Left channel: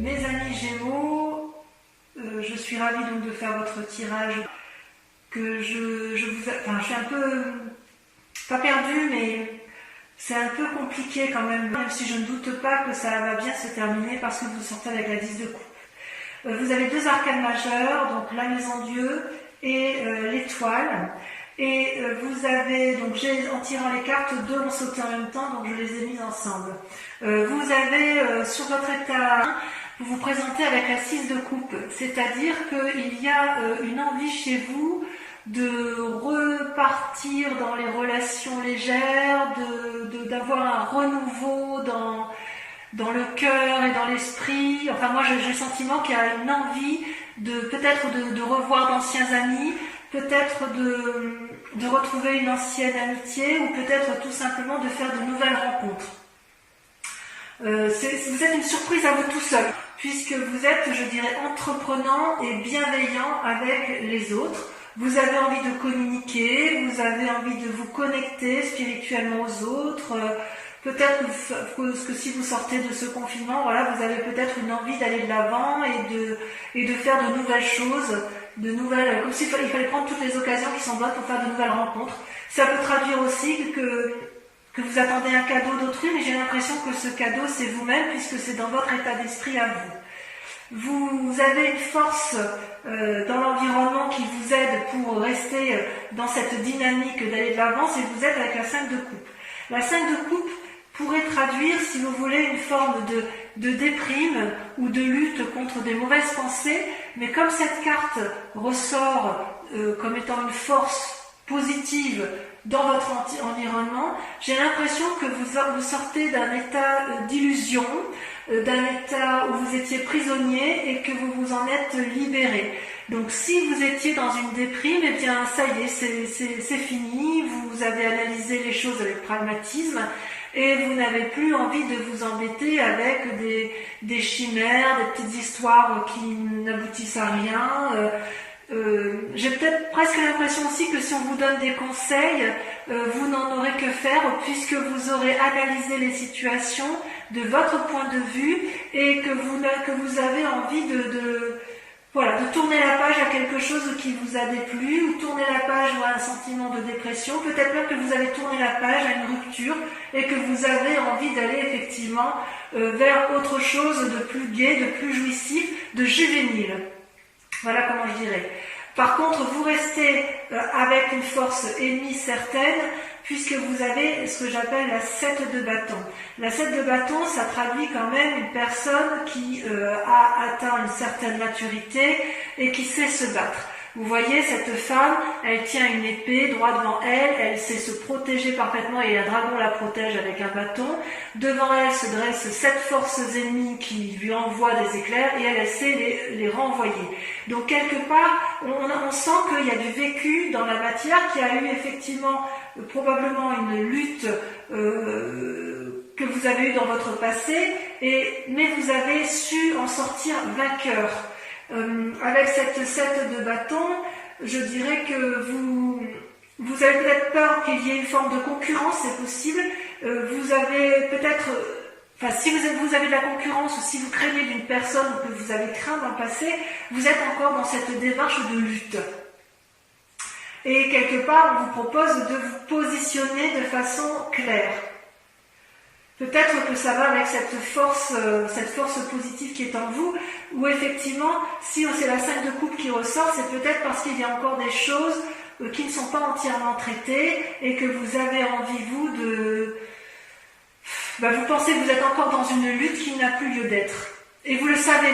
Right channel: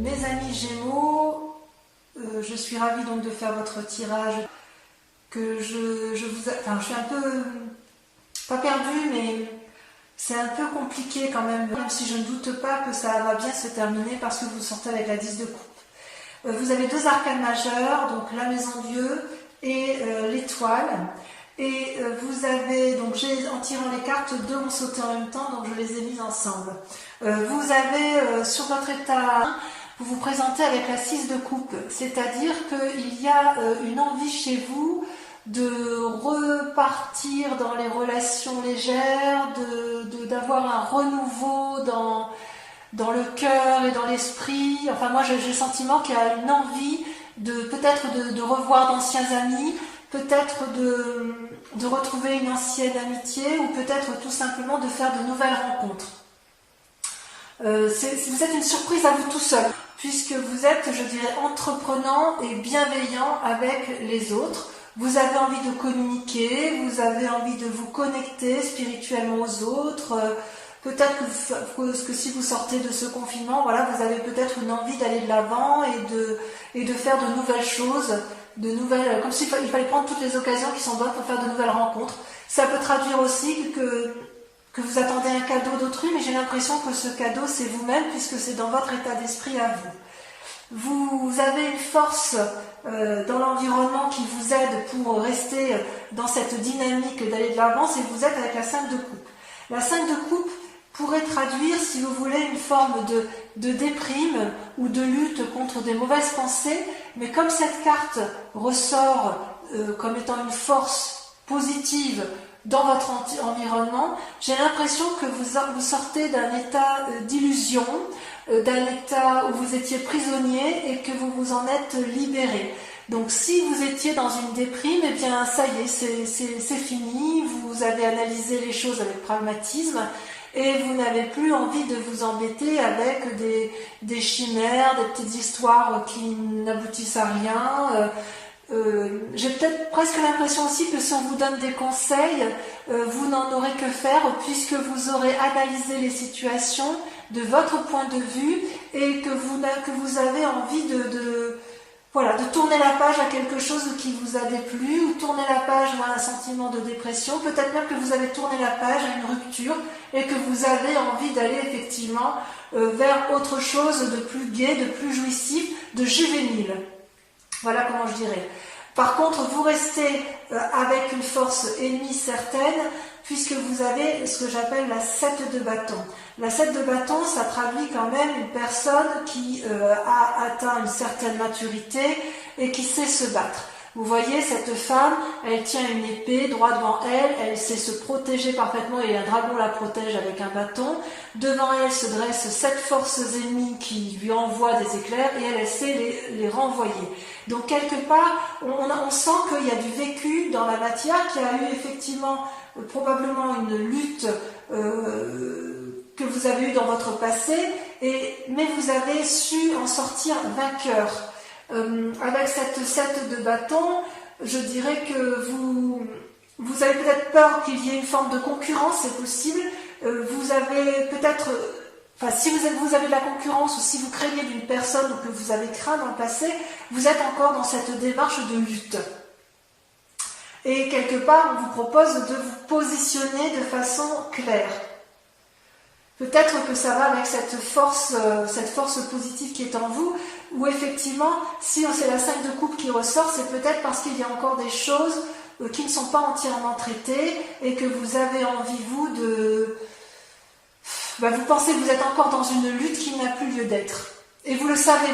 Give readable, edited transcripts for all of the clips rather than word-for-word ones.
Mes amis Gémeaux, je suis ravie donc de faire votre tirage. Je suis un peu, pas perdue, mais c'est un peu compliqué quand même si je ne doute pas que ça va bien se terminer parce que vous sortez avec la 10 de coupe. Vous avez deux arcanes majeures, donc la maison Dieu et l'étoile. Et vous avez, donc en tirant les cartes, deux ont sauté en même temps, donc je les ai mises ensemble. Vous avez sur votre état, vous vous présentez avec la 6 de coupe, c'est-à-dire qu'il y a une envie chez vous de repartir dans les relations légères, d'avoir un renouveau dans le cœur et dans l'esprit. Enfin, moi j'ai le sentiment qu'il y a une envie peut-être de revoir d'anciens amis, peut-être de retrouver une ancienne amitié, ou peut-être tout simplement de faire de nouvelles rencontres. Vous êtes une surprise à vous tout seul, puisque vous êtes, je dirais, entreprenant et bienveillant avec les autres. Vous avez envie de communiquer, vous avez envie de vous connecter spirituellement aux autres. Peut-être que si vous sortez de ce confinement, voilà, vous avez peut-être une envie d'aller de l'avant et de faire de nouvelles choses, comme s'il fallait prendre toutes les occasions qui sont bonnes pour faire de nouvelles rencontres. Ça peut traduire aussi que vous attendez un cadeau d'autrui, mais j'ai l'impression que ce cadeau c'est vous-même, puisque c'est dans votre état d'esprit à vous. Vous avez une force dans l'environnement qui vous aide pour rester dans cette dynamique d'aller de l'avant, et vous êtes avec la 5 de coupe. La 5 de coupe pourrait traduire, si vous voulez, une forme de déprime ou de lutte contre des mauvaises pensées, mais comme cette carte ressort comme étant une force positive dans votre environnement, j'ai l'impression que vous sortez d'un état d'illusion, d'un état où vous étiez prisonnier et que vous vous en êtes libéré. Donc si vous étiez dans une déprime, eh bien ça y est, c'est fini, vous avez analysé les choses avec pragmatisme et vous n'avez plus envie de vous embêter avec des chimères, des petites histoires qui n'aboutissent à rien. J'ai peut-être presque l'impression aussi que si on vous donne des conseils, vous n'en aurez que faire, puisque vous aurez analysé les situations de votre point de vue et que vous avez envie de tourner la page à quelque chose qui vous a déplu, ou tourner la page à un sentiment de dépression, peut-être même que vous avez tourné la page à une rupture et que vous avez envie d'aller effectivement vers autre chose de plus gai, de plus jouissif, de juvénile. Voilà comment je dirais. Par contre, vous restez avec une force ennemie certaine, puisque vous avez ce que j'appelle la 7 de bâton. La 7 de bâton, ça traduit quand même une personne qui a atteint une certaine maturité et qui sait se battre. Vous voyez, cette femme, elle tient une épée droit devant elle, elle sait se protéger parfaitement et un dragon la protège avec un bâton. Devant elle se dressent 7 forces ennemies qui lui envoient des éclairs et elle sait les renvoyer. Donc quelque part, on sent qu'il y a du vécu dans la matière, qu'il y a eu effectivement probablement une lutte que vous avez eue dans votre passé, mais vous avez su en sortir vainqueur. Avec cette 7 de bâton, je dirais que vous avez peut-être peur qu'il y ait une forme de concurrence, c'est possible. Vous avez peut-être, si vous avez de la concurrence, ou si vous craignez d'une personne ou que vous avez craint dans le passé, vous êtes encore dans cette démarche de lutte. Et quelque part, on vous propose de vous positionner de façon claire. Peut-être que ça va avec cette force positive qui est en vous, où effectivement, si c'est la 5 de coupe qui ressort, c'est peut-être parce qu'il y a encore des choses qui ne sont pas entièrement traitées et que vous avez envie, vous pensez que vous êtes encore dans une lutte qui n'a plus lieu d'être. Et vous le savez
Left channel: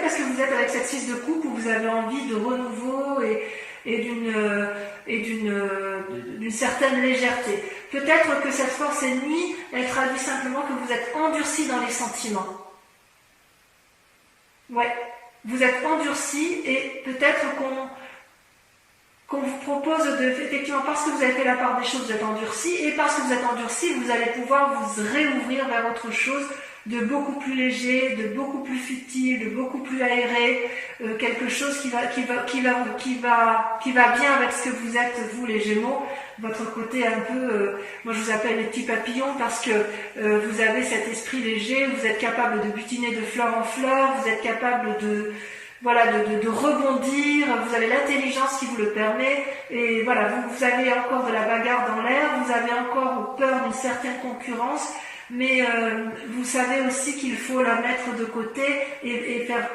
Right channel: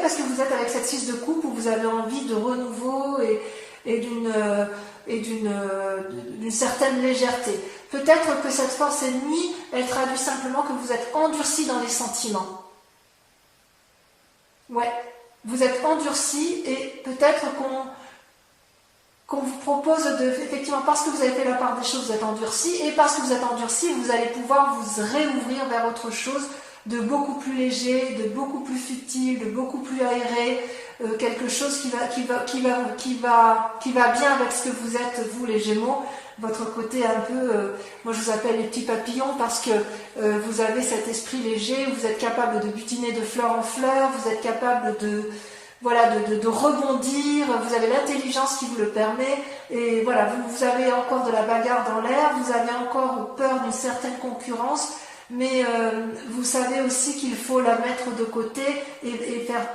parce que vous êtes avec cette 6 de coupe où vous avez envie de renouveau et d'une certaine légèreté. Peut-être que cette force ennemie, elle traduit simplement que vous êtes endurci dans les sentiments. Ouais, vous êtes endurci et peut-être qu'on vous propose effectivement, parce que vous avez fait la part des choses, vous êtes endurci, et parce que vous êtes endurci, vous allez pouvoir vous réouvrir vers autre chose de beaucoup plus léger, de beaucoup plus futile, de beaucoup plus aéré, quelque chose qui va bien avec ce que vous êtes, vous les Gémeaux, votre côté un peu, moi je vous appelle les petits papillons parce que vous avez cet esprit léger, vous êtes capable de butiner de fleur en fleur, vous êtes capable de rebondir, vous avez l'intelligence qui vous le permet, et voilà, vous avez encore de la bagarre dans l'air, vous avez encore peur d'une certaine concurrence, mais vous savez aussi qu'il faut la mettre de côté et faire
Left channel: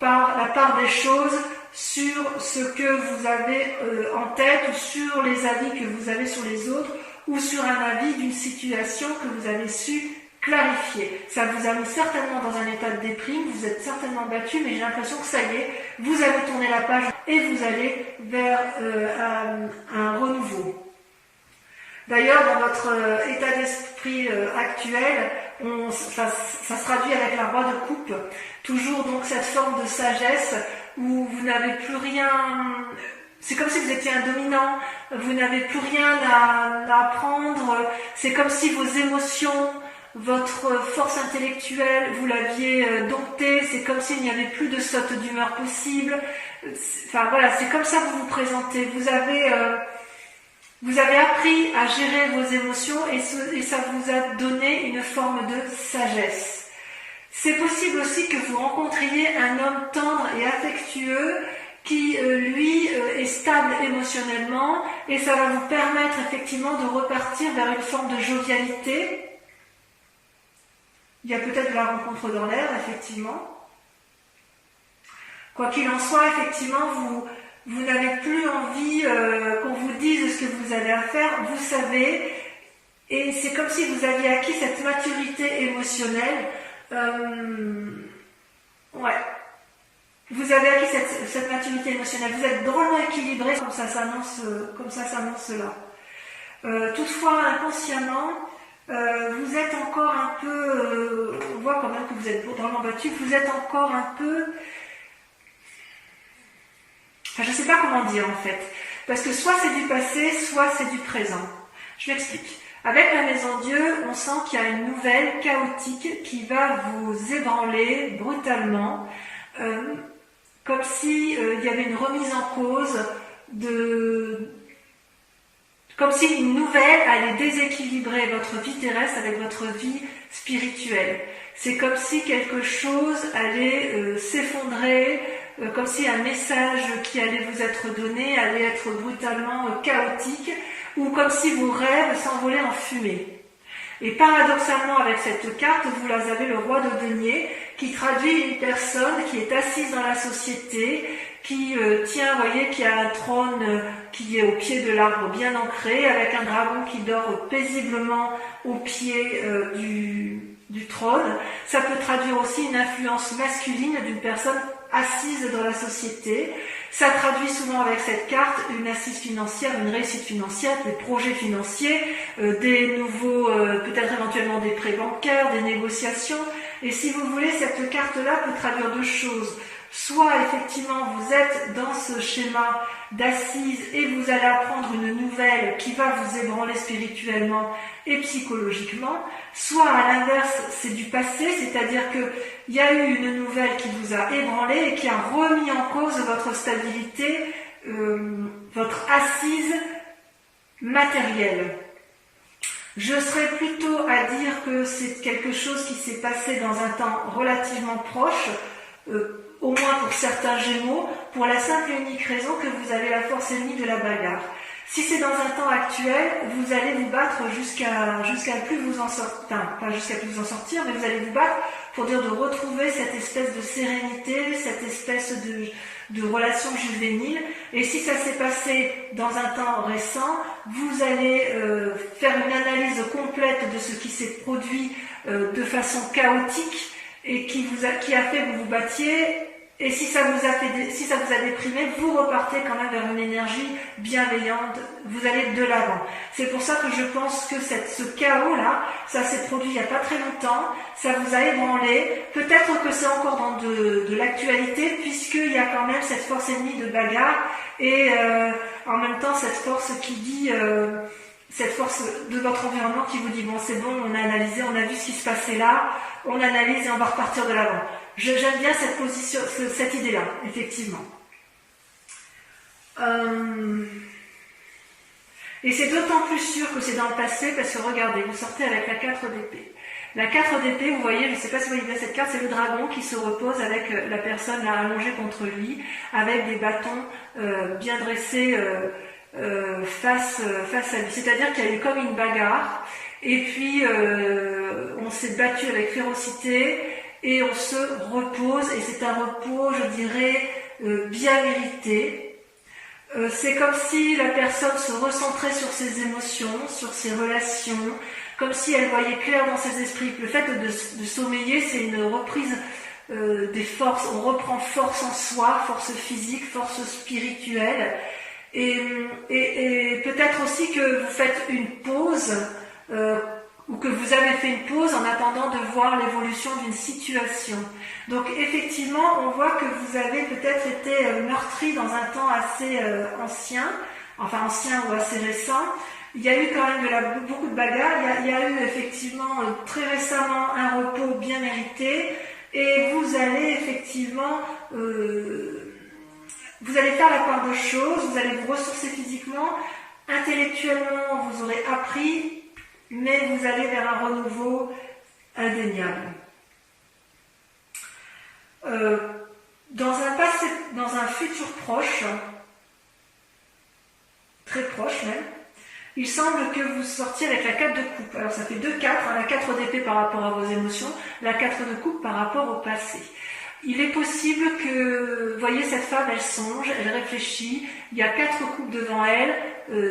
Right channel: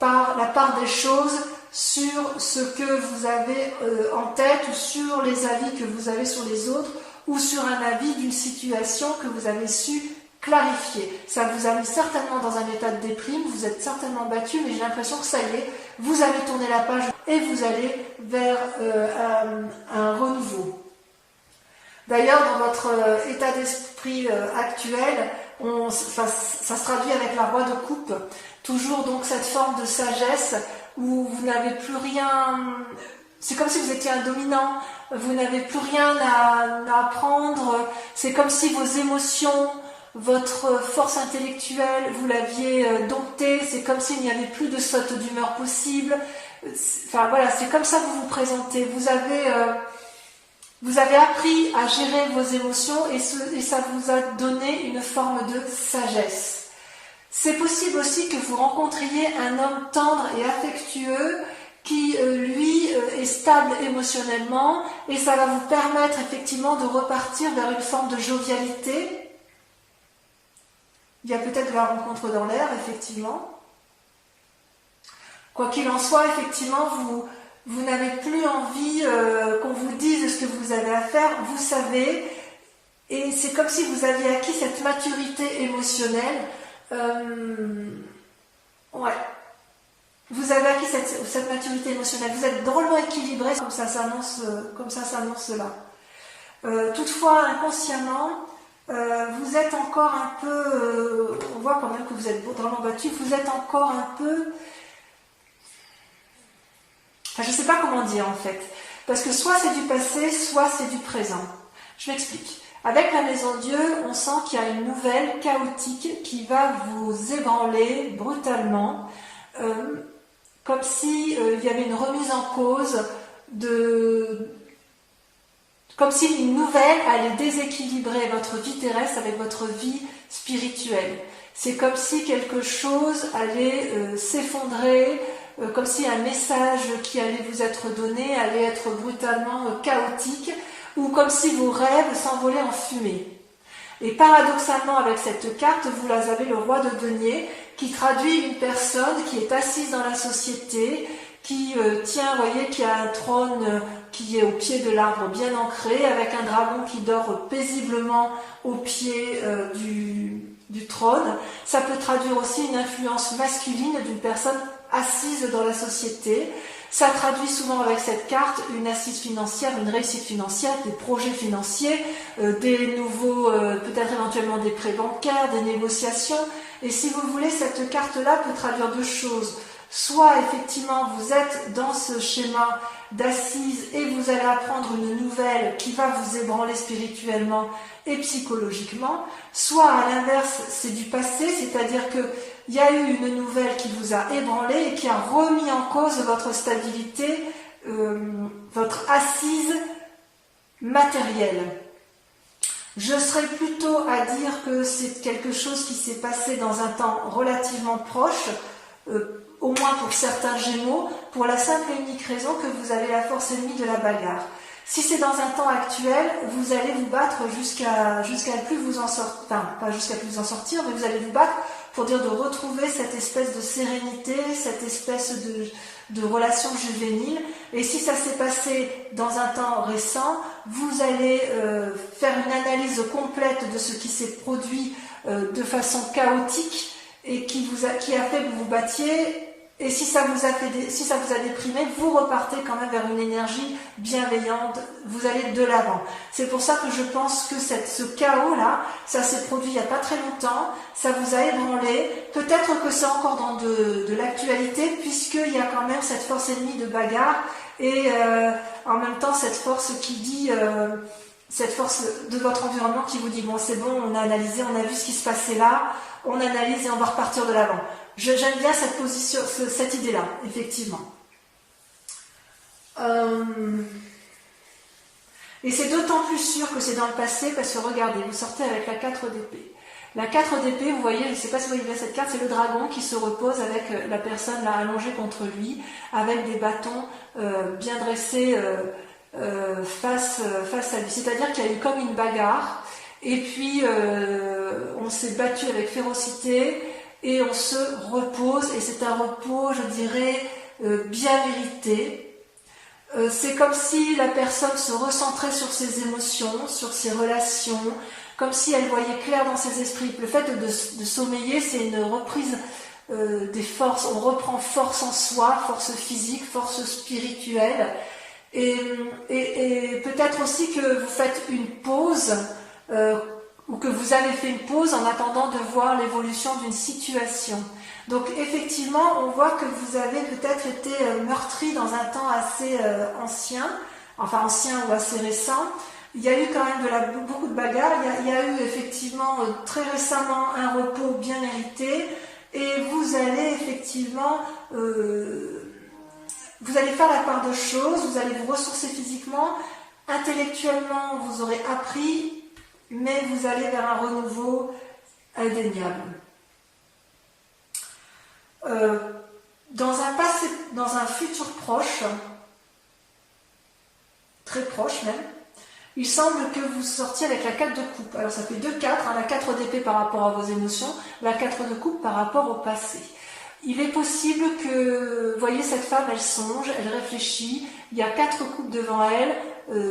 la part des choses sur ce que vous avez en tête, ou sur les avis que vous avez sur les autres, ou sur un avis d'une situation que vous avez su clarifier. Ça vous a mis certainement dans un état de déprime, vous êtes certainement battu, mais j'ai l'impression que ça y est, vous avez tourné la page et vous allez vers un renouveau. D'ailleurs, dans votre état d'esprit actuel, ça se traduit avec la roi de coupe, toujours donc cette forme de sagesse où vous n'avez plus rien, c'est comme si vous étiez un dominant, vous n'avez plus rien à apprendre, c'est comme si vos émotions, votre force intellectuelle, vous l'aviez domptée, c'est comme s'il n'y avait plus de saute d'humeur possible. Enfin voilà, c'est comme ça que vous vous présentez. Vous avez appris à gérer vos émotions et ça vous a donné une forme de sagesse. C'est possible aussi que vous rencontriez un homme tendre et affectueux qui, lui, est stable émotionnellement, et ça va vous permettre effectivement de repartir vers une forme de jovialité. Il y a peut-être de la rencontre dans l'air, effectivement. Quoi qu'il en soit, effectivement, vous n'avez plus envie qu'on vous dise ce que vous avez à faire, vous savez, et c'est comme si vous aviez acquis cette maturité émotionnelle. Ouais. Vous avez acquis cette maturité émotionnelle, vous êtes drôlement équilibré, comme ça s'annonce là. Toutefois, inconsciemment, vous êtes encore un peu, on voit quand même que vous êtes drôlement battu, vous êtes encore un peu, enfin je ne sais pas comment dire en fait, parce que soit c'est du passé, soit c'est du présent. Je m'explique. Avec la Maison Dieu, on sent qu'il y a une nouvelle chaotique qui va vous ébranler brutalement, comme si il y avait une remise en cause comme si une nouvelle allait déséquilibrer votre vie terrestre avec votre vie spirituelle. C'est comme si quelque chose allait s'effondrer, comme si un message qui allait vous être donné allait être brutalement chaotique, ou comme si vos rêves s'envolaient en fumée. Et paradoxalement, avec cette carte, vous avez le roi de denier, qui traduit une personne qui est assise dans la société, qui tient, vous voyez, qui a un trône qui est au pied de l'arbre bien ancré, avec un dragon qui dort paisiblement au pied du trône. Ça peut traduire aussi une influence masculine d'une personne assise dans la société. Ça traduit souvent avec cette carte une assise financière, une réussite financière, des projets financiers, des nouveaux, peut-être éventuellement des prêts bancaires, des négociations. Et si vous voulez, cette carte-là peut traduire deux choses. Soit effectivement vous êtes dans ce schéma d'assise et vous allez apprendre une nouvelle qui va vous ébranler spirituellement et psychologiquement, soit à l'inverse c'est du passé, c'est-à-dire qu'il y a eu une nouvelle qui vous a ébranlé et qui a remis en cause votre stabilité, votre assise matérielle. Je serais plutôt à dire que c'est quelque chose qui s'est passé dans un temps relativement proche, au moins pour certains Gémeaux, pour la simple et unique raison que vous avez la force ennemie de la bagarre. Si c'est dans un temps actuel, vous allez vous battre jusqu'à plus vous en sortir, enfin pas jusqu'à plus vous en sortir, mais vous allez vous battre pour dire de retrouver cette espèce de sérénité, cette espèce de relation juvénile. Et si ça s'est passé dans un temps récent, vous allez faire une analyse complète de ce qui s'est produit de façon chaotique et qui a fait que vous vous battiez. Et si ça vous a déprimé, vous repartez quand même vers une énergie bienveillante, vous allez de l'avant. C'est pour ça que je pense que ce chaos-là, ça s'est produit il n'y a pas très longtemps, ça vous a ébranlé. Peut-être que c'est encore dans de l'actualité, puisqu'il y a quand même cette force ennemie de bagarre, et en même temps cette force qui dit, cette force de votre environnement qui vous dit, bon c'est bon, on a analysé, on a vu ce qui se passait là, on analyse et on va repartir de l'avant. J'aime bien cette position, cette idée-là, effectivement. Et c'est d'autant plus sûr que c'est dans le passé parce que regardez, vous sortez avec la 4 d'épée. La 4 d'épée, vous voyez, je ne sais pas si vous voyez bien cette carte, c'est le dragon qui se repose avec la personne là allongée contre lui, avec des bâtons bien dressés face à lui. C'est-à-dire qu'il y a eu comme une bagarre, et puis on s'est battu avec férocité, et on se repose, et c'est un repos, je dirais, bien mérité. C'est comme si la personne se recentrait sur ses émotions, sur ses relations, comme si elle voyait clair dans ses esprits. Le fait de sommeiller, c'est une reprise des forces. On reprend force en soi, force physique, force spirituelle. Et peut-être aussi que vous faites une pause, ou que vous avez fait une pause en attendant de voir l'évolution d'une situation. Donc effectivement, on voit que vous avez peut-être été meurtri dans un temps assez ancien ou assez récent. Il y a eu quand même beaucoup de bagarres, il y a eu effectivement très récemment un repos bien mérité, et vous allez effectivement, vous allez faire la part de choses, vous allez vous ressourcer physiquement, intellectuellement vous aurez appris, mais vous allez vers un renouveau indéniable. Dans un futur proche, très proche même, il semble que vous sortiez avec la 4 de coupe. Alors ça fait 2-4, hein, la 4 d'épée par rapport à vos émotions, la 4 de coupe par rapport au passé. Il est possible que, vous voyez, cette femme, elle songe, elle réfléchit, il y a 4 coupes devant elle,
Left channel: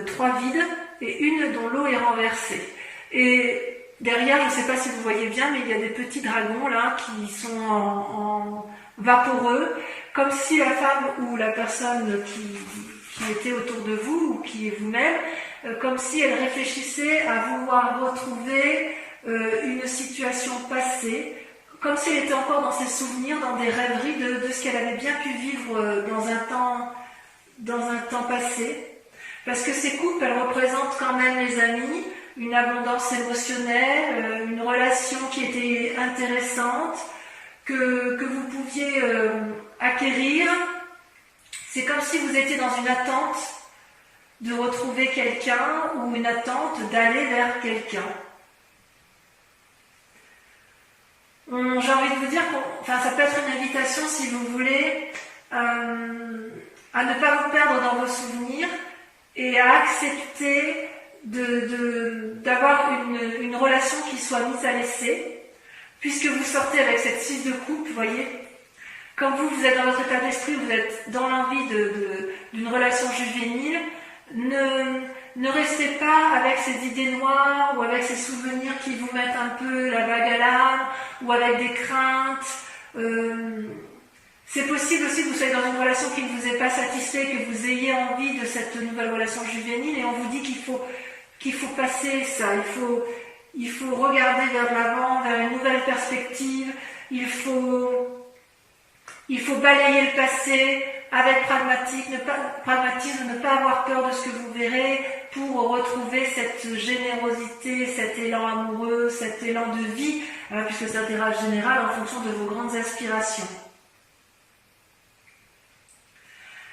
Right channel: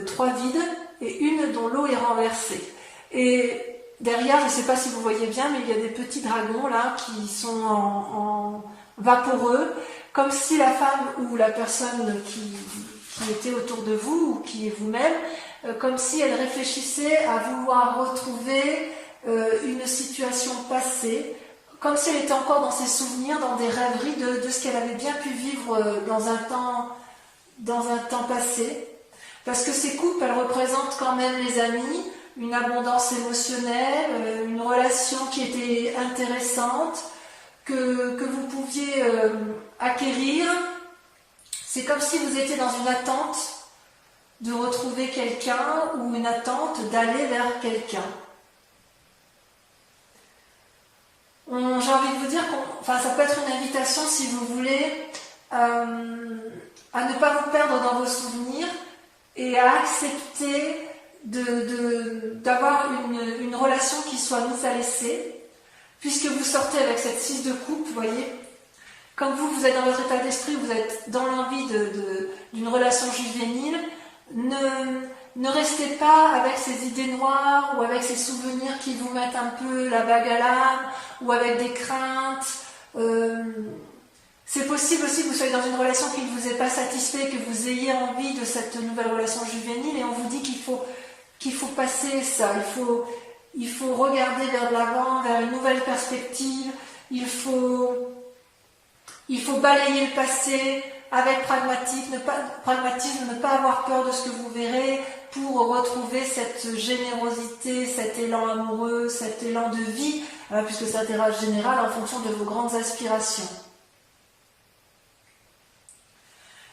3 vides, et une dont l'eau est renversée. Et derrière, je ne sais pas si vous voyez bien, mais il y a des petits dragons là qui sont en vaporeux, comme si la femme ou la personne qui était autour de vous, ou qui est vous-même, comme si elle réfléchissait à vouloir retrouver une situation passée, comme si elle était encore dans ses souvenirs, dans des rêveries de ce qu'elle avait bien pu vivre dans un temps passé. Parce que ces coupes, elles représentent quand même les amis, une abondance émotionnelle, une relation qui était intéressante, que vous pouviez acquérir. C'est comme si vous étiez dans une attente de retrouver quelqu'un, ou une attente d'aller vers quelqu'un. J'ai envie de vous dire ça peut être une invitation, si vous voulez, à ne pas vous perdre dans vos souvenirs et à accepter d'avoir une relation qui soit mise à l'essai, puisque vous sortez avec cette 6 de coupe, vous voyez. Comme vous êtes dans votre état d'esprit, vous êtes dans l'envie d'une relation juvénile, ne restez pas avec ces idées noires ou avec ces souvenirs qui vous mettent un peu la bague à l'âme, ou avec des craintes. C'est possible aussi que vous soyez dans une relation qui ne vous est pas satisfait, que vous ayez envie de cette nouvelle relation juvénile, et on vous dit qu'il faut passer ça, il faut regarder vers l'avant, vers une nouvelle perspective, il faut balayer le passé avec pragmatisme, ne pas avoir peur de ce que vous verrez, pour retrouver cette générosité, cet élan amoureux, cet élan de vie, puisque c'est un tirage général en fonction de vos grandes aspirations.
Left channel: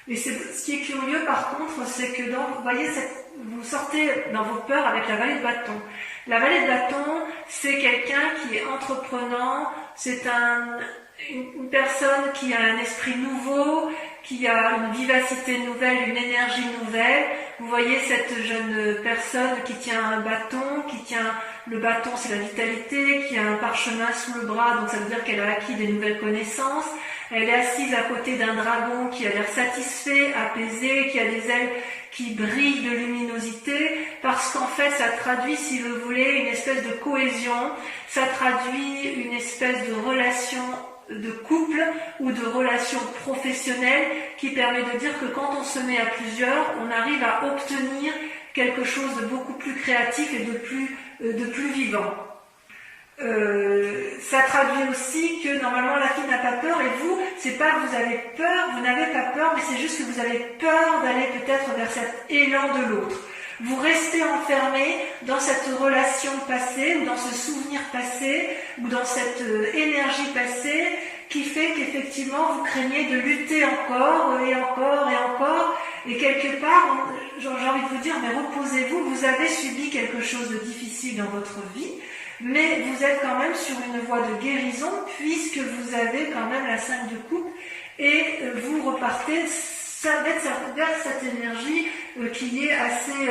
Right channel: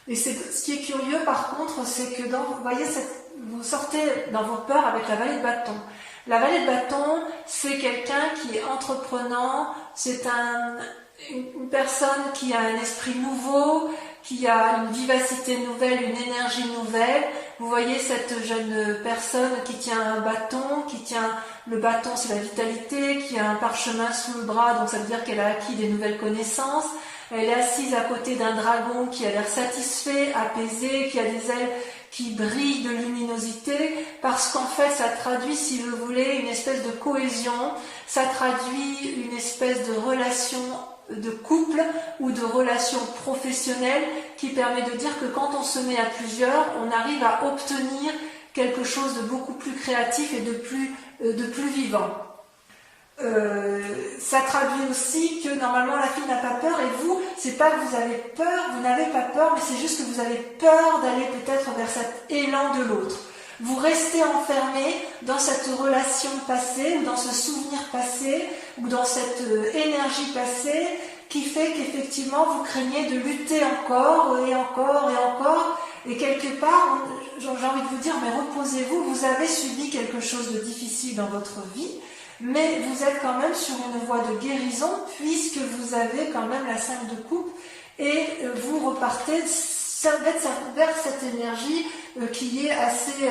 Et ce qui est curieux par contre, c'est que vous voyez, vous sortez dans vos peurs avec la vallée de bâton. La vallée de bâton, c'est quelqu'un qui est entreprenant, c'est une personne qui a un esprit nouveau, qui a une vivacité nouvelle, une énergie nouvelle. Vous voyez cette jeune personne qui tient un bâton, le bâton c'est la vitalité, qui a un parchemin sous le bras, donc ça veut dire qu'elle a acquis des nouvelles connaissances. Elle est assise à côté d'un dragon qui a l'air satisfait, apaisé, qui a des ailes qui brillent de luminosité, parce qu'en fait ça traduit, si vous voulez, une espèce de cohésion, ça traduit une espèce de relation de couple ou de relation professionnelle qui permet de dire que quand on se met à plusieurs, on arrive à obtenir quelque chose de beaucoup plus créatif et de plus vivant. Ça traduit aussi que normalement la fille n'a pas peur, et vous, c'est pas que vous avez peur, vous n'avez pas peur, mais c'est juste que vous avez peur d'aller peut-être vers cet élan de l'autre. Vous restez enfermé dans cette relation passée, ou dans ce souvenir passé, ou dans cette énergie passée, qui fait qu'effectivement vous craignez de lutter encore et encore et encore. Et quelque part, j'ai envie de vous dire, mais reposez-vous, vous avez subi quelque chose de difficile dans votre vie, mais vous êtes quand même sur une voie de guérison puisque vous avez quand même la 5 de coupe et vous repartez vers cette énergie qui est assez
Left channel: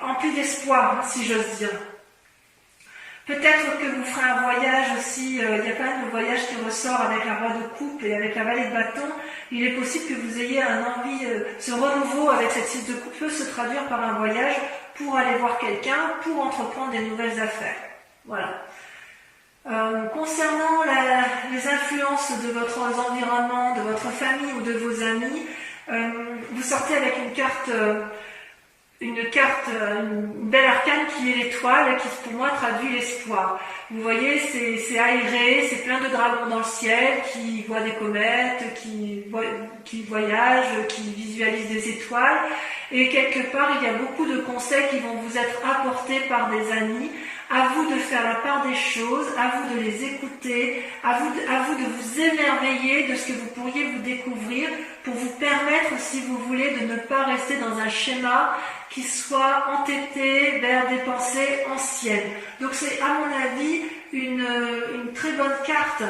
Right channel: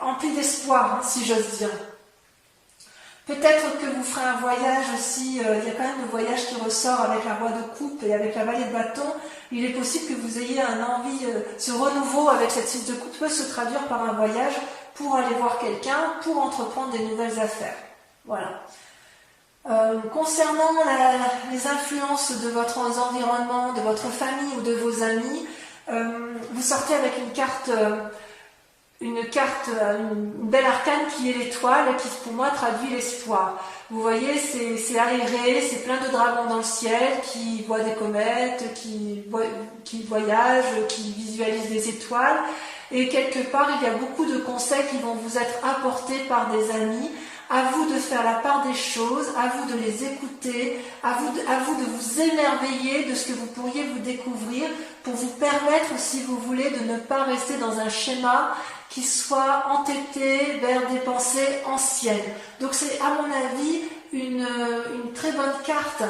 emplie d'espoir, si j'ose dire. Peut-être que vous ferez un voyage aussi, il y a quand même le voyage qui ressort avec la roi de coupe et avec la vallée de bâton. Il est possible que vous ayez un envie, ce renouveau avec cette 6 de coupe peut se traduire par un voyage pour aller voir quelqu'un, pour entreprendre des nouvelles affaires. Voilà. Concernant les influences de votre environnement, de votre famille ou de vos amis, vous sortez avec une belle arcane qui est l'étoile et qui pour moi traduit l'espoir. Vous voyez, c'est aéré, c'est plein de dragons dans le ciel qui voient des comètes, qui voyagent, qui visualisent des étoiles. Et quelque part, il y a beaucoup de conseils qui vont vous être apportés par des amis. À vous de faire la part des choses, à vous de les écouter, à vous de vous émerveiller de ce que vous pourriez vous découvrir pour vous permettre, si vous voulez, de ne pas rester dans un schéma qui soit entêté vers des pensées anciennes. Donc c'est, à mon avis, une très bonne carte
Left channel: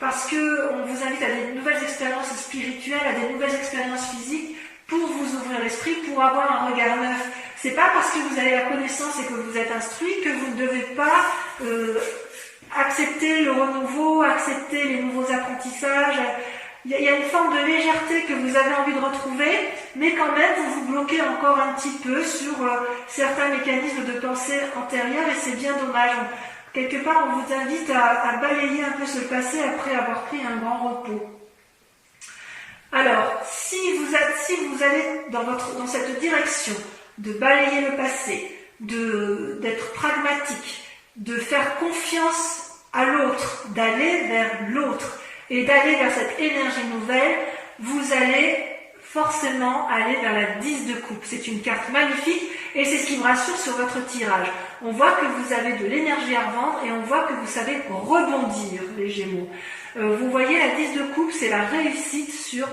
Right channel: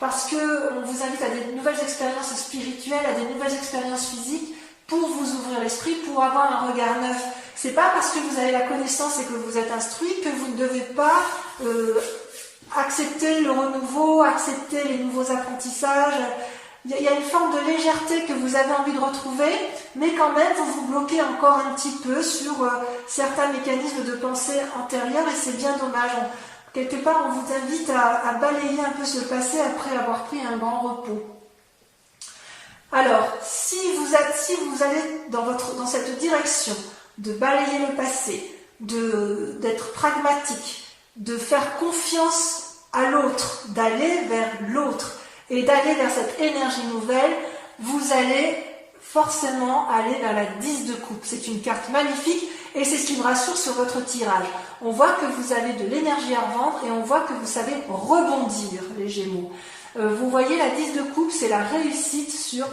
parce que on vous invite à des nouvelles expériences spirituelles, à des nouvelles expériences physiques pour vous ouvrir l'esprit, pour avoir un regard neuf. C'est pas parce que vous avez la connaissance et que vous êtes instruit que vous ne devez pas accepter le renouveau, accepter les nouveaux apprentissages. Il y a une forme de légèreté que vous avez envie de retrouver, mais quand même vous vous bloquez encore un petit peu sur certains mécanismes de pensée antérieurs et c'est bien dommage. Quelque part, on vous invite à balayer un peu ce passé après avoir pris un grand repos. Alors, si vous allez dans cette direction de balayer le passé, d'être pragmatique, de faire confiance à l'autre, d'aller vers l'autre et d'aller vers cette énergie nouvelle, vous allez forcément aller vers la 10 de coupe. C'est une carte magnifique et c'est ce qui me rassure sur votre tirage. On voit que vous avez de l'énergie à revendre et on voit que vous savez rebondir, les Gémeaux. Vous voyez, la 10 de coupe, c'est la réussite sur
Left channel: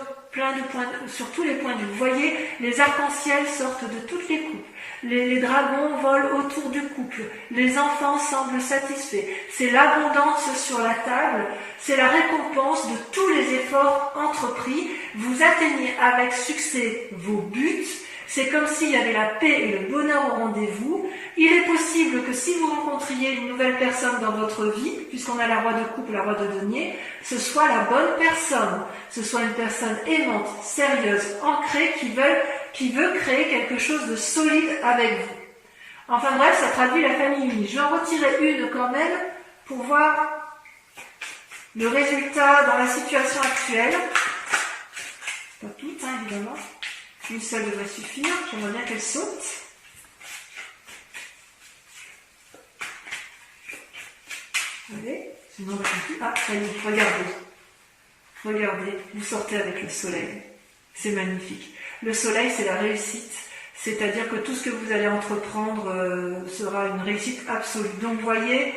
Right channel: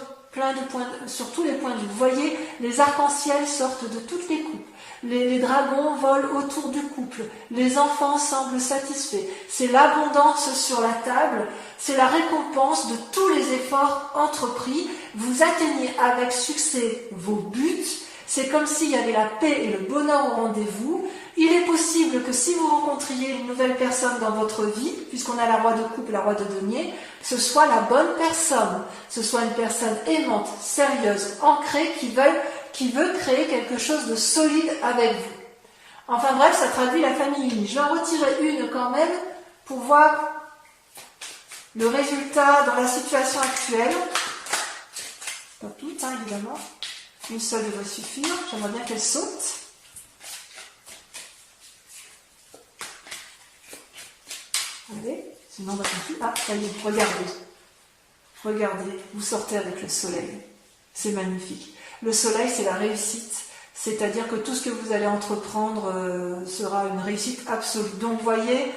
sur tous les points de vue. Vous voyez, les arcs-en-ciel sortent de toutes les coupes. Les dragons volent autour du couple. Les enfants semblent satisfaits. C'est l'abondance sur la table. C'est la récompense de tous les efforts entrepris. Vous atteignez avec succès vos buts. C'est comme s'il y avait la paix et le bonheur au rendez-vous. Il est possible que si vous rencontriez une nouvelle personne dans votre vie, puisqu'on a la roi de coupe, la roi de denier, ce soit la bonne personne, ce soit une personne aimante, sérieuse, ancrée, qui veut créer quelque chose de solide avec vous. Enfin bref, ça traduit la famille unie. Je vais en retirer une quand même pour voir le résultat dans la situation actuelle. Pas toutes, hein, évidemment. Une seule devrait suffire. J'aimerais bien qu'elle saute. Allez, sinon on va continuer. Ah, ça y est, regardez. Regardez, vous sortez avec le soleil. C'est magnifique. Le soleil, c'est la réussite. C'est-à-dire que tout ce que vous allez entreprendre sera une réussite absolue. Donc, vous voyez,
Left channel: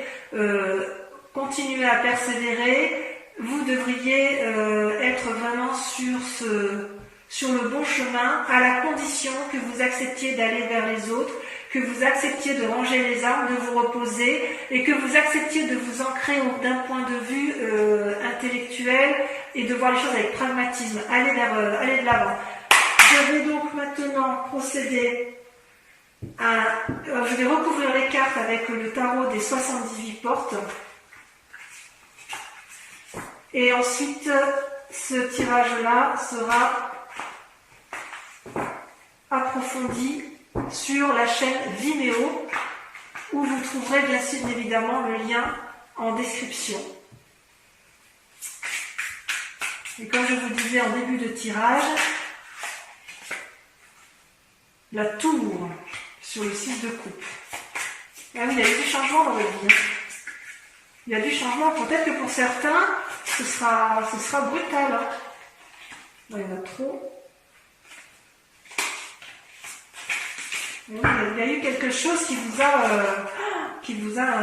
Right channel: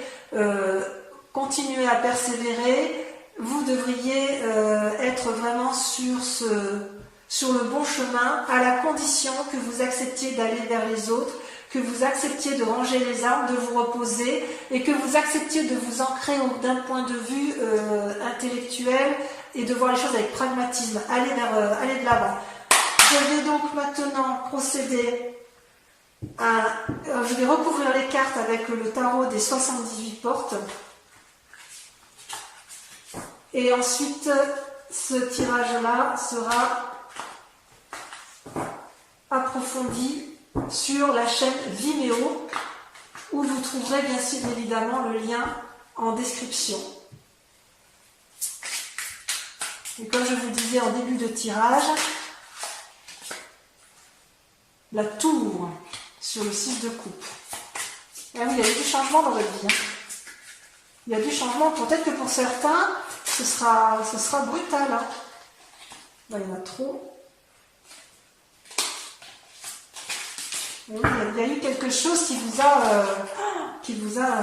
continuez à persévérer. Vous devriez être vraiment sur le bon chemin, à la condition que vous acceptiez d'aller vers les autres, que vous acceptiez de ranger les armes, de vous reposer, et que vous acceptiez de vous ancrer d'un point de vue intellectuel et de voir les choses avec pragmatisme. Allez de l'avant. Je vais donc maintenant procéder je vais recouvrir les cartes avec le tarot des 78 portes. Et ensuite, ce tirage-là sera approfondi sur la chaîne Vimeo, où vous trouverez bien sûr évidemment le lien en description. Et comme je vous disais en début de tirage, la tour sur le 6 de coupe. Ah oui, il y a eu du changement dans votre vie. Hein. Il y a du changement. Peut-être que pour certains, ce sera brutal. Hein. Là, il y en a trop. Et oui, il y a eu quelque chose qui vous a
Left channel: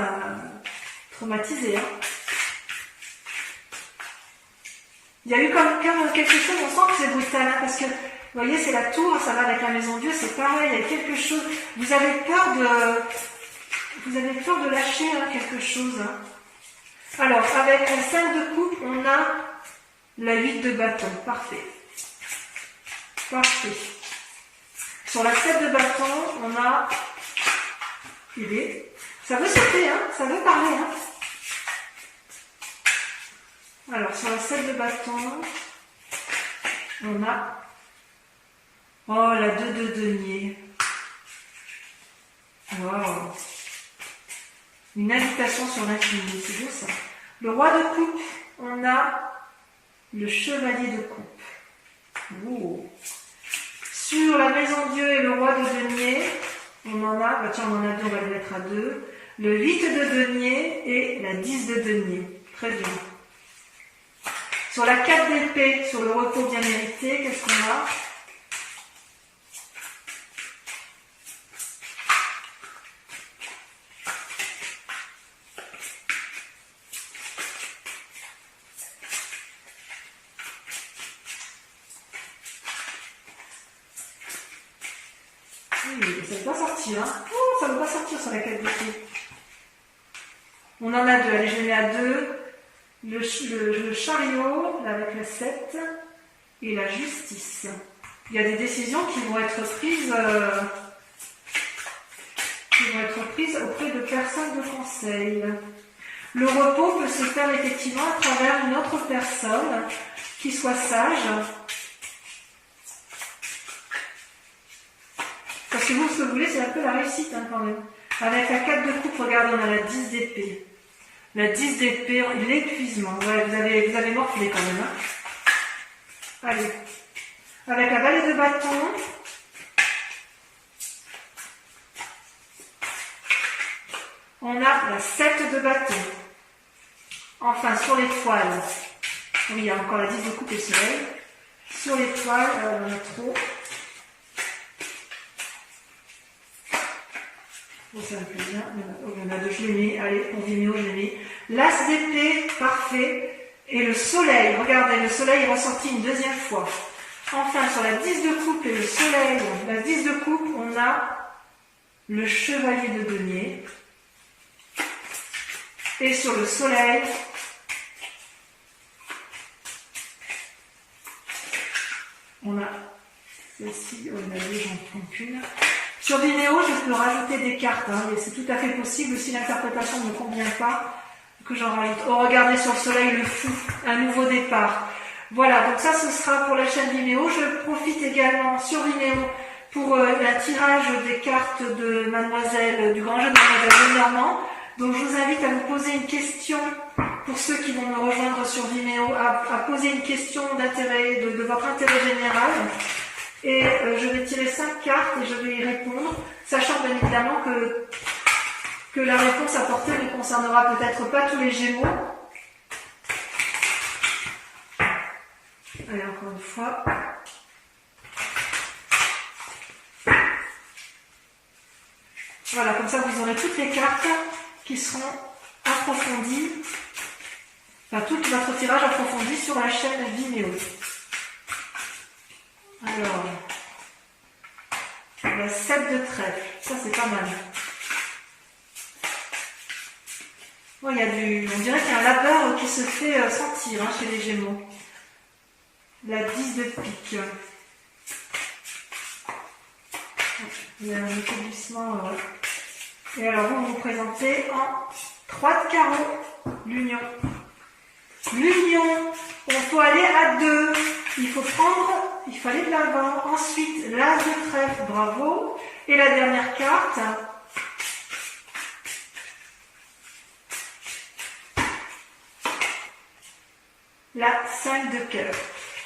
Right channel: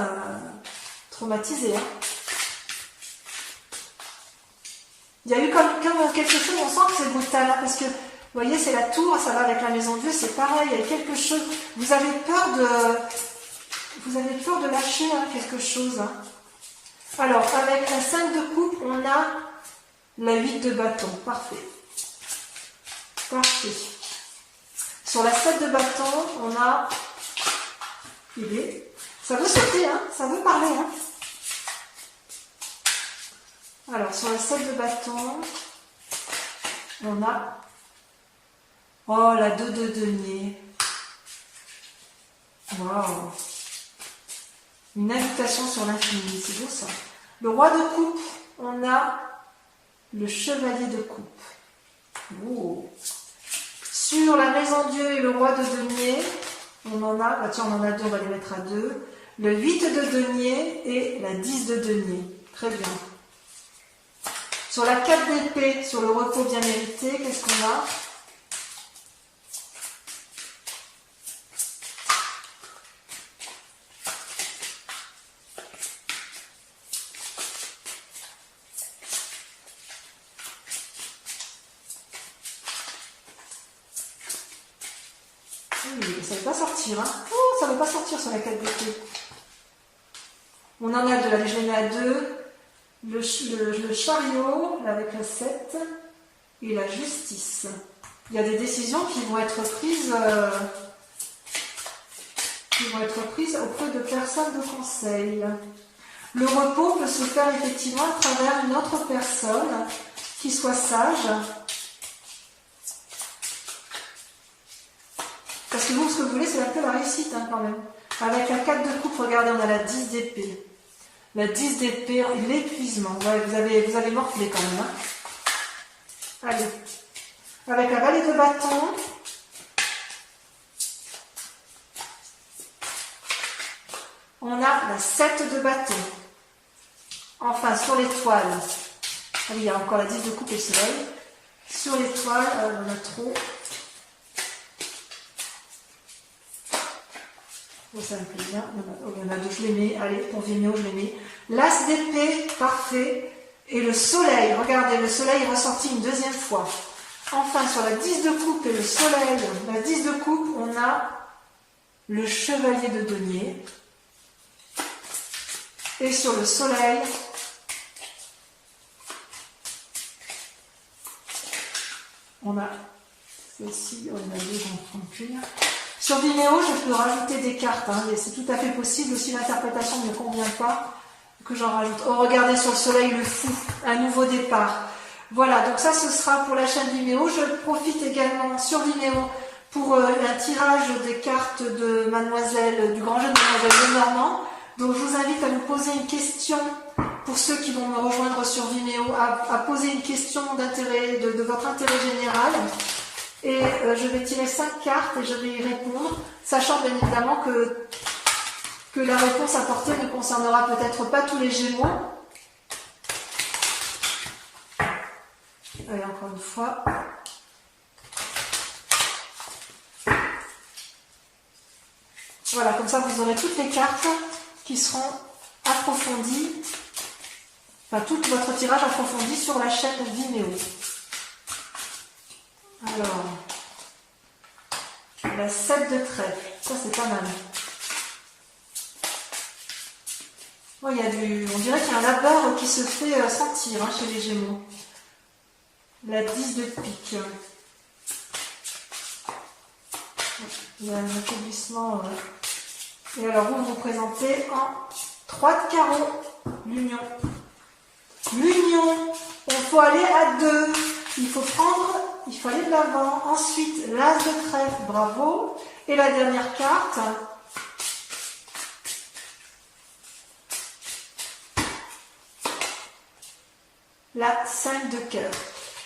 traumatisé. Hein. Il y a eu comme quelque chose, on sent que c'est brutal, hein, parce que, vous voyez, c'est la tour, ça va avec la maison Dieu, c'est pareil, il y a quelque chose, vous avez peur de lâcher hein, quelque chose. Hein. Alors, avec la 5 de coupe, on a la 8 de bâton, parfait. Parfait. Sur la 7 de bâton, on a... Ça veut sauter, hein, ça veut parler. Hein. Alors, sur la 7 de bâton, on a... Oh, la 2 de denier. Wow. Une invitation sur l'infini, c'est beau ça. Le roi de coupe, on a le chevalier de coupe. Oh. Sur la maison Dieu et le roi de denier, on en a, bah tiens, on en a deux, on va le mettre à 2. Le 8 de denier et la 10 de denier. Très bien. Sur la 4 d'épée, sur le repos bien mérité, qu'est-ce qu'on a? Oui, ça ne veut pas sortir. Hein. Oh, ça ne veut pas sortir sur la 4 d'épée. On en a 2. Allez, je les mets à 2. Le chariot, là, avec la 7, et la justice. Il y a des décisions qui vont être prises, auprès de personnes de conseil. Le repos peut se faire effectivement à travers une autre personne qui soit sage. Parce que vous, ce que vous voulez, c'est un peu la réussite hein, quand même. Avec la 4 de coupe, regardez, on a la 10 d'épée. La 10 d'épée, l'épuisement. Ouais, vous avez morflé quand même. Hein. Allez. Avec la vallée de bâton. On a la 7 de bâton. Enfin, sur l'étoile. Ah oui, il y a encore la 10 de coupe et soleil. Sur l'étoile, on en a trop. Oh, ça me plaît bien. Il y en a 2, je les mets. Allez, pour Vimeo, je les mets. L'as d'épée, parfait. Et le soleil, regardez, le soleil est ressorti une deuxième fois. Enfin, sur la 10 de coupe et le soleil, la 10 de coupe, on a le chevalier de denier. Et sur le soleil, on a celle-ci, on a 2, j'en prends qu'une. Sur Vimeo, je peux rajouter des cartes, hein, et c'est tout à fait possible si l'interprétation ne me convient pas, que j'en rajoute. Oh, regardez sur le soleil, le fou, un nouveau départ. Voilà, donc ça, ce sera pour la chaîne Vimeo. Je profite également sur Vimeo pour un tirage des cartes de Mademoiselle, du grand jeu de Mademoiselle Lenormand. Donc, je vous invite à vous poser une question, pour ceux qui vont me rejoindre sur Vimeo, à poser une question d'intérêt, de votre intérêt général. Et je vais tirer 5 cartes et je vais y répondre, sachant bien évidemment que la réponse apportée ne concernera peut-être pas tous les Gémeaux. Allez, encore une fois. Voilà, comme ça vous aurez toutes les cartes qui seront approfondies, enfin tout votre tirage approfondi sur la chaîne Vimeo. Alors, la 7 de trèfle, ça c'est pas mal. Oh, on dirait qu'il y a un labeur qui se fait sentir hein, chez les Gémeaux. La 10 de pique. Il y a un établissement. Et alors vous vous présentez en 3 de carreau. L'union. L'union. Il faut aller à 2. Il faut aller de l'avant. Ensuite, l'as de trèfle, bravo. Et la dernière carte. La 5 de cœur.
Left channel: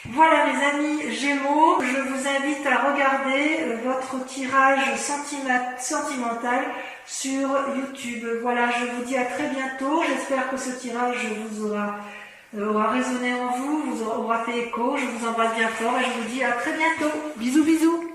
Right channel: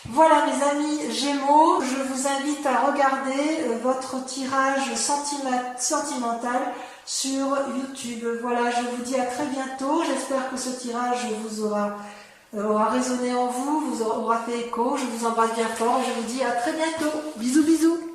Voilà mes amis Gémeaux, je vous invite à regarder votre tirage sentimental sur YouTube. Voilà, je vous dis à très bientôt. J'espère que ce tirage vous aura résonné en vous, vous aura fait écho. Je vous embrasse bien fort et je vous dis à très bientôt. Bisous bisous.